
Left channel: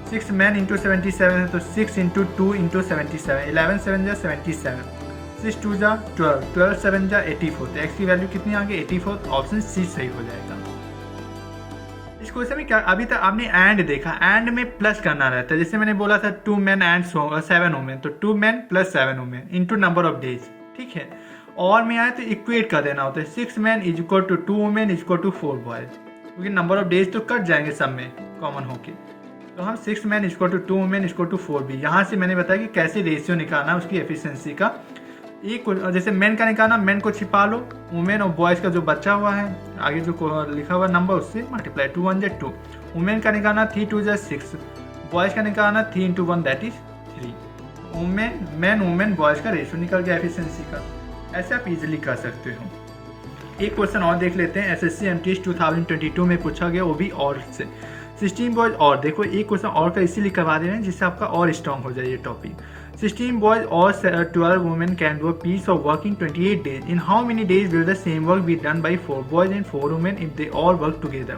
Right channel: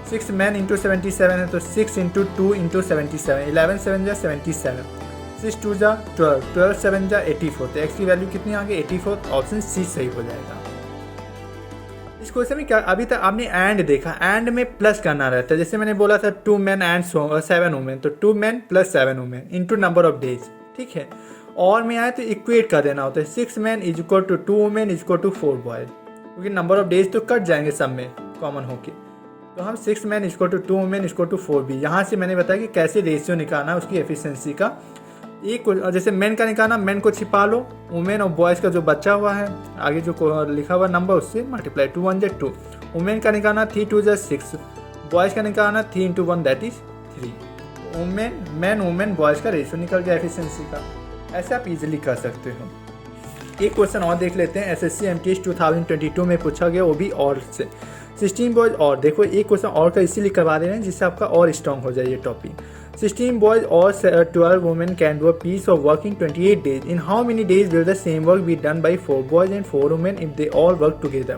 6 man into 77 है तो 6 इंटू 2 इंटू 77, 11 7 जा 77, 6 2 जा 12, 12 7 जा 84, तो एक्स की वैल्यू कितनी आ गई 84, ऑप्शन सी सही हो जाएगा। इस क्वेश्चन में क्या अभी तक आपने एंड देखा, एंड में प्लस करना रहता है, जैसे मैंने बोला था 2 मैन एंड 7 वुमेन, तो 2 man plus 7 women into number of days, ठीक है। और में आए तो इक्वेट कर देना होता है 6 man is equal to 2 women is equal to 4 boys, क्योंकि नंबर ऑफ डेज तो कट जाएंगे सब में कॉमन होके, तो हम 6 man is equal to 2 women is equal to 4 B. यहाँ से मैंने बताया कि कैसे रेशियो निकालना है उसकी एफिशिएंसी का। एक जैसे मैन का निकालना, मैन को छिपा लो, वुमेन और बॉयज़ का जो बचा हुआ है आगे जो लिखा हुआ नंबर उससे मल्टीप्लाई, 2 1 जा 2, वुमेन का निकालना 3 2 जा 6, बॉयज़ का निकालना 3 into 1 that is 3। Women man women boys का रेशियो निकल गया एफिशिएंसी का। ऐसे आप इजीली कर सकते हो। एक क्वेश्चन और देख लेते हैं, एसएससी एमटीएस 2022 में पूछा गया, वो भी और से 16 बॉयज और, देखो एक क्वेश्चन और का इसीलिए करवा दे रहे हैं जिससे आपका और स्ट्रॉन्ग हो जाए ये topic. 16 boys or 12 women can do a piece of work in 28 days. In how many days will the same work be done by 4 boys and 4 women if they all work together?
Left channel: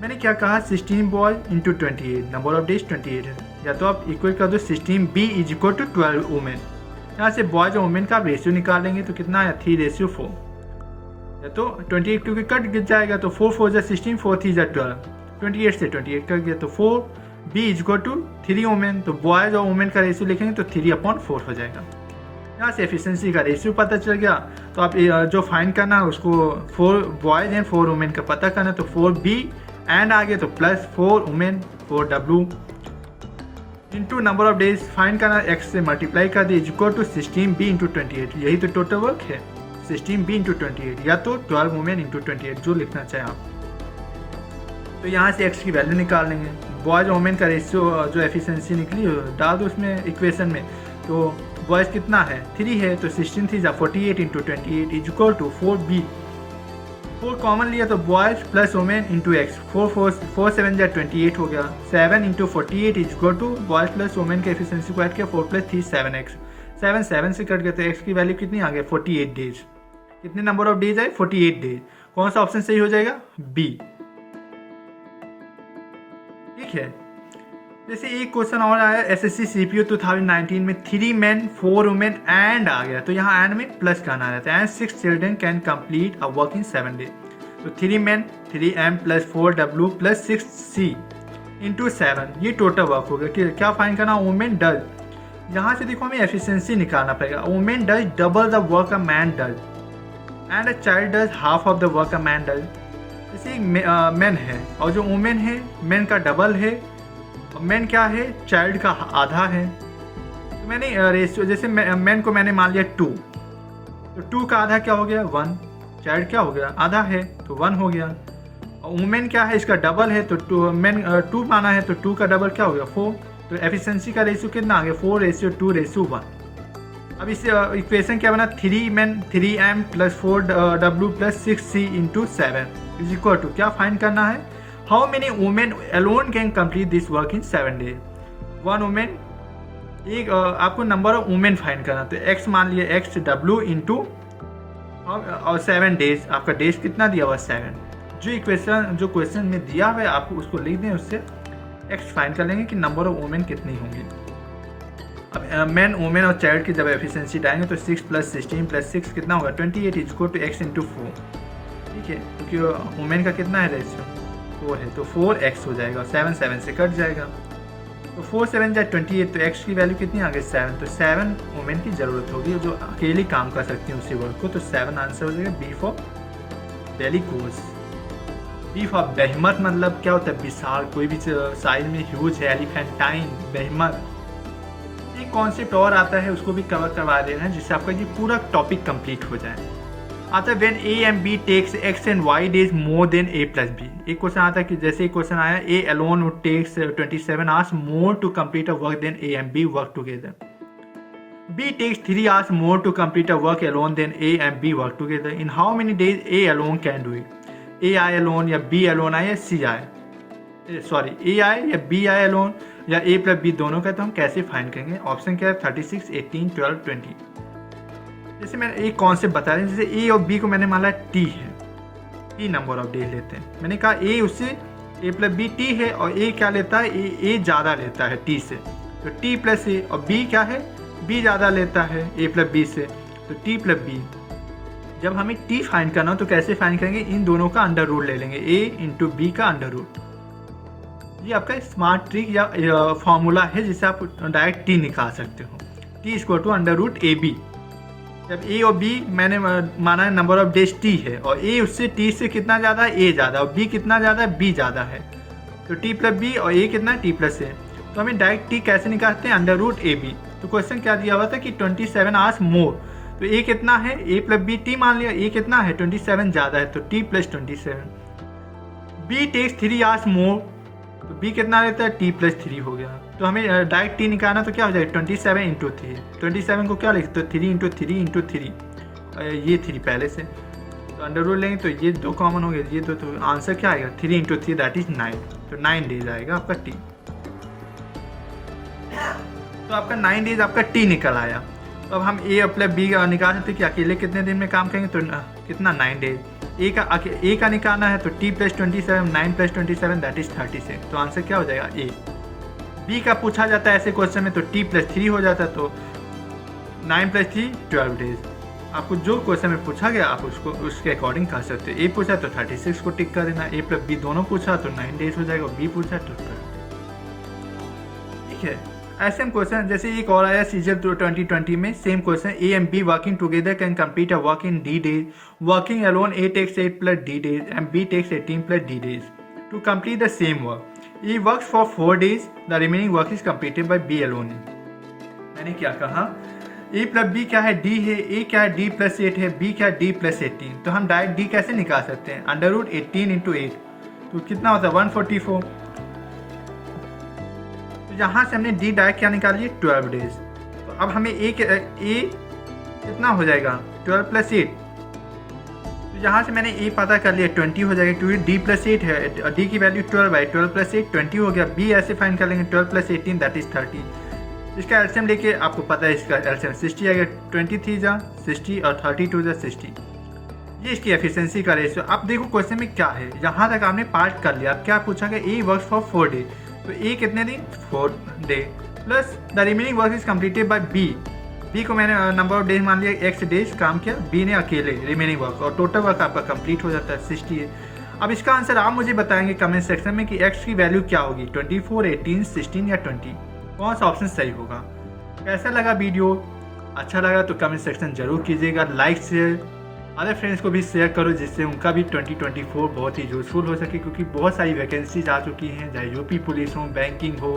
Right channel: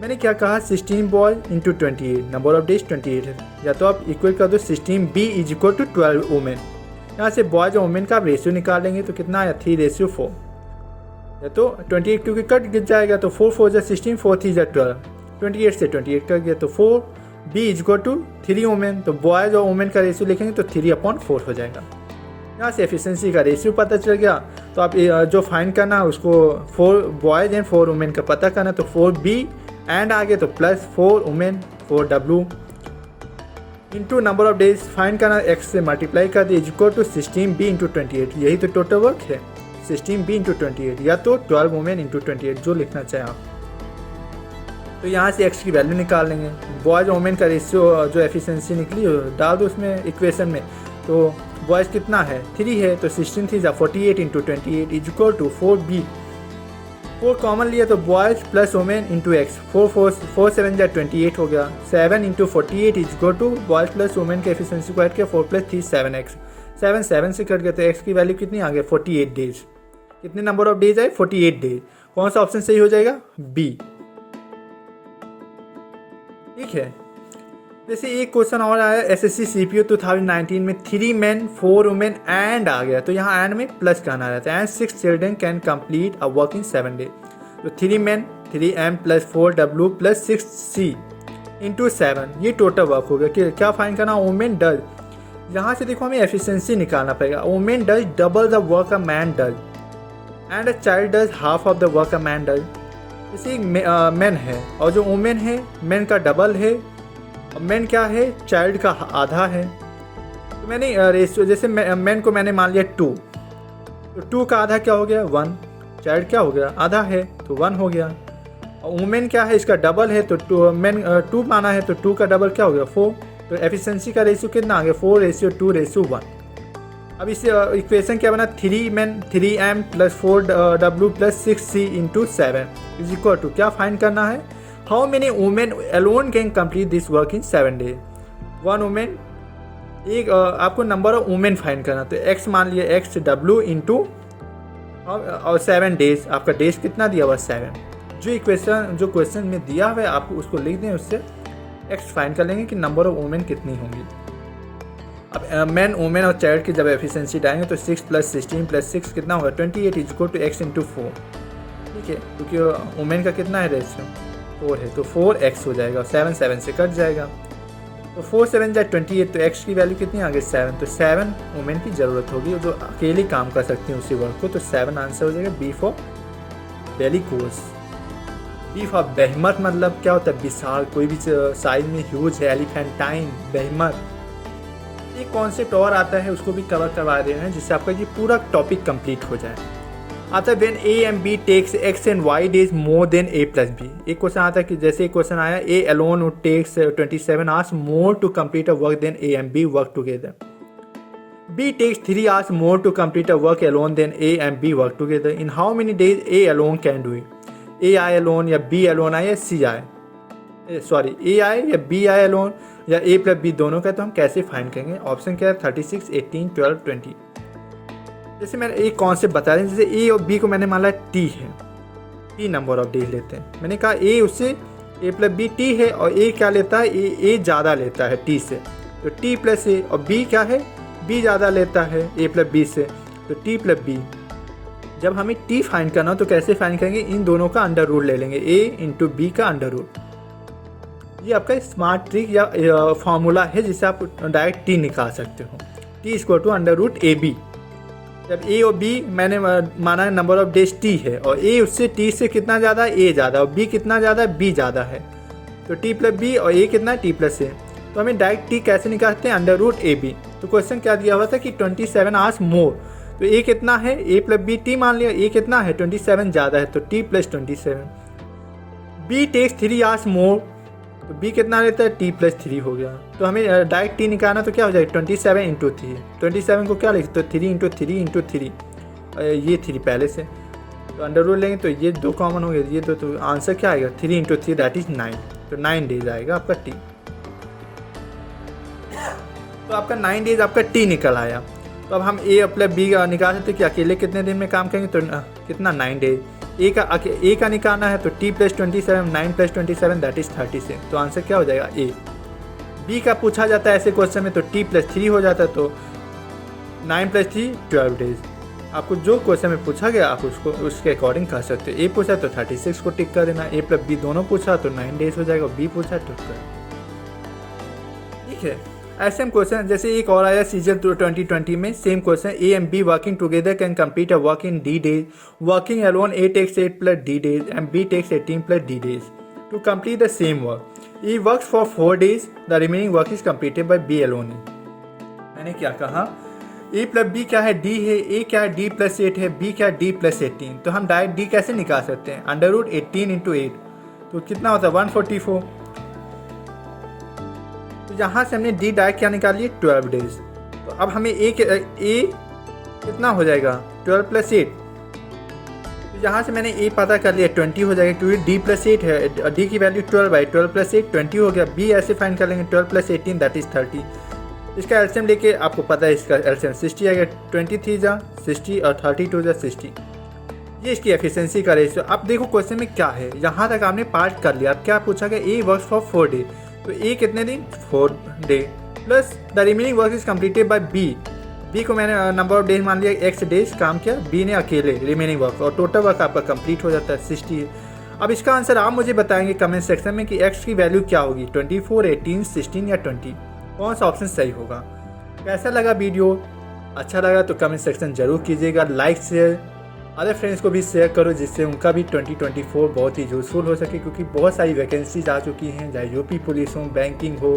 मैंने क्या कहा 16 boys into 28, number of days 28 है, या तो आप equal कर दो 16b is equal to 12 women. यहाँ से बॉयज और वुमेन का आप रेशियो निकालेंगे तो कितना आया 3:4, या तो 28 क्योंकि कट गिर जाएगा तो 4 4 जा 16, 4 3 जा 12, 28 से 28 कट गया तो 4 B is equal to 3 women, तो बॉयज़ और वुमेन का रेशियो लिखेंगे तो 3/4 हो जाएगा। यहाँ से एफिशिएंसी का रेशियो पता चल गया, तो आप जो फाइंड करना है उसको 4 बॉयज़ एंड 4 वुमेन का पता करना, तो 4b एंड आगे तो plus 4 women 4w into number of days find करना, एक्स से मल्टीप्लाई कर दिए is equal to 16b into 28, यही तो टोटल वर्क है 16b इंटू 28, या तो 12 वुमेन इंटू 28 जो लिखना चाहें आप। तो यहाँ से एक्स की वैल्यू निकाल लेंगे, बॉयज़ और वुमेन का रेशियो जो एफिशिएंसी निकली डाल दो उसमें इक्वेशन में, तो बॉयज़ कितना है 3 है तो 16 3 जा 48 into 28 is equal to 4b, 4 common लिया तो boys plus women into x, 4 7 जा 28 हो गया, 7 into 48 is equal to boys plus women के एफिशिएंसी को ऐड किया 4 प्लस 3 7x, 7 7 से कट गया तो एक्स की वैल्यू कितनी आ गई 48 डेज। कितने नंबर ऑफ डेज आए 48 डेज, कौन सा ऑप्शन सही हो जाएगा बी, ठीक है। जैसे एक क्वेश्चन और आया एसएससी सीपीयू 2019 में 3 मैन 4 वुमेन एंड आ गया, तो यहाँ एंड में प्लस करना रहता है, and 6 children can complete a work in 7 days, तो 3 man 3m plus 4w plus 6c into 7, ये टोटल वर्क हो गया। कि क्या फाइंड करना, वुमेन डज, यहाँ से देखो हमें एफिशिएंसी निकालना पड़ेगा, women does double the work a man does and a child does half of the work a man does. जैसे एक मैन है और जो वुमेन है मैन का डबल है, और मैन क्या है चाइल्ड का आधा है, तो मैंने रेशियो जैसे मैन को मैंने मान लिया 2, तो 2 का आधा क्या हो गया 1, चाइल्ड क्या हो गया आधा है तो 1 हो गया, और वुमेन क्या है इसका डबल है तो 2 माना है तो 2 का डबल क्या हो गया 4, तो एफिशिएंसी का रेशियो कितना आ गया 4:2:1। अब इस इक्वेशन क्या बना 3 man 3m plus 4w plus 6c into 7 is equal to, क्या फाइंड करना है how many women alone can complete this work in 7 days. 1 women, एक आपको नंबर ऑफ वुमेन फाइंड करना, तो x मान लिया x w इंटू और 7 डेज, आपका डेज कितना दिया हुआ 7, जो क्वेश्चन में दिया हुआ है आप उसको लिख दें, उससे x फाइंड कर लेंगे कि नंबर ऑफ वुमेन कितनी होंगी। अब मैन वुमेन और चाइल्ड की जब एफिशिएंसी डालेंगे तो 6 प्लस 16 प्लस 6 कितना होगा 28 is equal to x into 4, ठीक है, क्योंकि वुमेन का कितना है रेशियो 4 है तो 4x हो जाएगा, 7 7 से कट जाएगा, तो 4 7 जा 28, तो एक्स की वैल्यू कितनी आ गई 7, तो 7 वुमेन की ज़रूरत होगी जो अकेले काम कर सकती हैं उसी वर्क को, तो 7 आंसर हो जाएगा B for bellicose. B for बेहमत मतलब क्या होता है, विशाल, कोई भी साइज में ह्यूज है, एलिफेंटाइन, बेहमत। एक कॉन्सेप्ट और आता है उसको भी कवर करवा देना है जिससे आपका ये पूरा टॉपिक कंप्लीट हो जाए। आता है when A and B takes X and Y days more than A plus B. एक क्वेश्चन आता है कि जैसे एक क्वेश्चन आया A alone would takes 27 hours more to complete a work than A and B work together. B takes 3 hours more to complete a work alone than A and B work together. In how many days A alone can do it. A I alone या be alone आए या सी आए, sorry ए आए या B I alone या ए plus B दोनों का, तो हम कैसे फाइंड करेंगे। ऑप्शन क्या है 36, 18, 12, 20। जैसे मैंने एक कॉन्सेप्ट बता दें, जैसे ए और बी को मैंने माना टी है, टी नंबर ऑफ डेज लेते हैं। मैंने कहा ए उससे ए प्लस बी टी है और ए क्या लेता है, ए ज़्यादा लेता है टी से, तो टी प्लस ए, और बी क्या है, बी ज़्यादा लेता है ए प्लस बी से, तो टी प्लस बी। जब हमें टी फाइंड करना हो तो कैसे फाइंड करेंगे, इन दोनों का अंडर रूट ले लेंगे, ए इंटू बी का अंडर रूट। ये आपका स्मार्ट ट्रिक या फॉर्मूला है जिससे आप डायरेक्ट टी निकाल सकते हो। T equal to under root A B. जब ए और बी मैंने माना है नंबर ऑफ डेज टी है और ए उससे टी से कितना ज़्यादा है, ए ज़्यादा, और बी कितना ज़्यादा है, बी ज़्यादा है, तो टी प्लस बी और ए कितना है, टी प्लस ए। तो हमें डायरेक्ट टी कैसे निकालते हैं, अंडर रूट ए बी। तो क्वेश्चन क्या दिया हुआ था कि 27 आवर्स मोर, तो ए कितना है, ए प्लस बी, टी मान लिया, ए कितना है 27 ज़्यादा है, तो T plus 27। B takes 3 hours more, तो बी कितना रहता है, टी प्लस 3 हो गया। तो हमें डायरेक्ट टी निकालना, तो क्या हो जाएगा 27 इंटू 3। 27 को क्या लिखते, तो 3 इंटू 3 इंटू 3, ये 3 पहले से, तो अंडर रूट लेंगे तो ये 2 कॉमन हो गए, ये 2, तो आंसर क्या आएगा 3 इंटू 3 दैट इज 9, तो 9 डेज आएगा आपका टी। तो आपका 9 डेज आपका टी निकल आया। तो अब हम ए प्लस बी का निकाल सकते कि अकेले कितने दिन में काम करेंगे, तो कितना 9 डेज। ए का निकालना है तो T plus 27, 9 plus 27 that is 36, तो आंसर क्या हो जाएगा ए। बी का पूछा जाता है ऐसे क्वेश्चन में तो टी प्लस 3 हो जाता है, तो 9 प्लस 3 12 डेज। आपको जो क्वेश्चन में पूछा गया आप उसको उसके अकॉर्डिंग कर सकते हो। ए पूछा तो 36 को टिक कर देना, ए प्लस बी दोनों पूछा तो 9 डेज हो जाएगा, बी पूछा तो 12। ठीक है, ऐसे हम क्वेश्चन जैसे एक और आया सीजन 2020 में, same question, A and B working together can complete a work in D days, working alone A takes 8 plus D days and B takes 18 plus D days to complete the same work. A works for 4 days, the remaining work is completed by B alone. मैंने क्या कहा, ए plus B क्या है, D है, ए क्या है, D plus 8 है, B क्या है, डी प्लस 18। तो हम डायरेक्ट डी कैसे निकाल सकते हैं, अंडर रूट 18 इंटू 8, तो कितना होता है 144। तो यहाँ से हमने डी डायरेक्ट क्या निकाल लिया 12 डेज। तो अब हमें ए कितना हो जाएगा 12 प्लस 8, तो यहाँ से मैंने ए पता कर लिया 20 हो जाएगा क्योंकि डी प्लस 8 है, डी की वैल्यू 12 है, 12 प्लस 8 20 हो गया। बी ऐसे फाइंड कर लेंगे 12 प्लस 18 दैट इज 30। इसका एलसीएम लेके आपको पता है इसका एलसीएम 60 आएगा, 23 जा 60 और 32 जा 60। ये इसकी एफिशिएंसी का रेशियो। अब देखो क्वेश्चन में क्या है, यहाँ तक आपने पार्ट कर लिया। अब क्या पूछा गया, ए वर्क्स फॉर 4 डे, तो ए कितने दिन 4 day, plus the remaining work is completed by B. B को मैंने नंबर ऑफ डेज मान लिया, एक्स डेज काम किया, बी ने अकेले रिमेनिंग वर्क, और टोटल वर्क आपका कंप्लीट हो जाता है 60। अब इसका आंसर आप मुझे बताएंगे कमेंट सेक्शन में कि एक्स की वैल्यू क्या होगी, 24, 18, 16 या 20, कौन सा ऑप्शन सही होगा। कैसा लगा वीडियो, अच्छा लगा तो कमेंट सेक्शन जरूर कीजिएगा, लाइक शेयर, अदर फ्रेंड्स को भी शेयर करो जिससे उनका भी 2024 बहुत ही यूज़फुल हो सके, क्योंकि बहुत सारी वैकेंसीज आ चुकी हैं, चाहे यूपी पुलिस हो, बैंकिंग हो,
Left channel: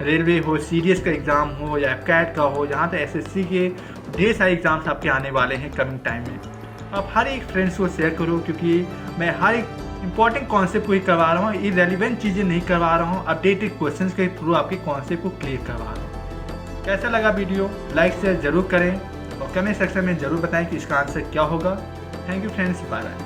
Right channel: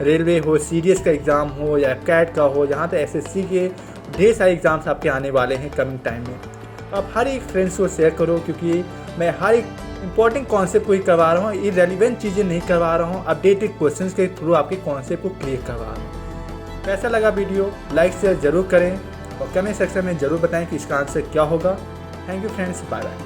रेलवे हो, सीडीएस का एग्ज़ाम हो या कैट का हो, जहाँ तक एसएससी के ढेर सारे एग्ज़ाम्स आपके आने वाले हैं कमिंग टाइम में। तो आप हर एक फ्रेंड्स को शेयर करो, क्योंकि मैं हर एक इंपॉर्टेंट कॉन्सेप्ट को ही करवा रहा हूँ, इरेलीवेंट चीज़ें नहीं करवा रहा हूँ, अपडेटेड क्वेश्चंस के थ्रू आपके कॉन्सेप्ट को क्लियर करवा रहा हूँ। कैसा लगा वीडियो, लाइक शेयर जरूर करें और कमेंट सेक्शन में ज़रूर बताएं कि इसका आंसर क्या होगा। Thank you friends, bye bye.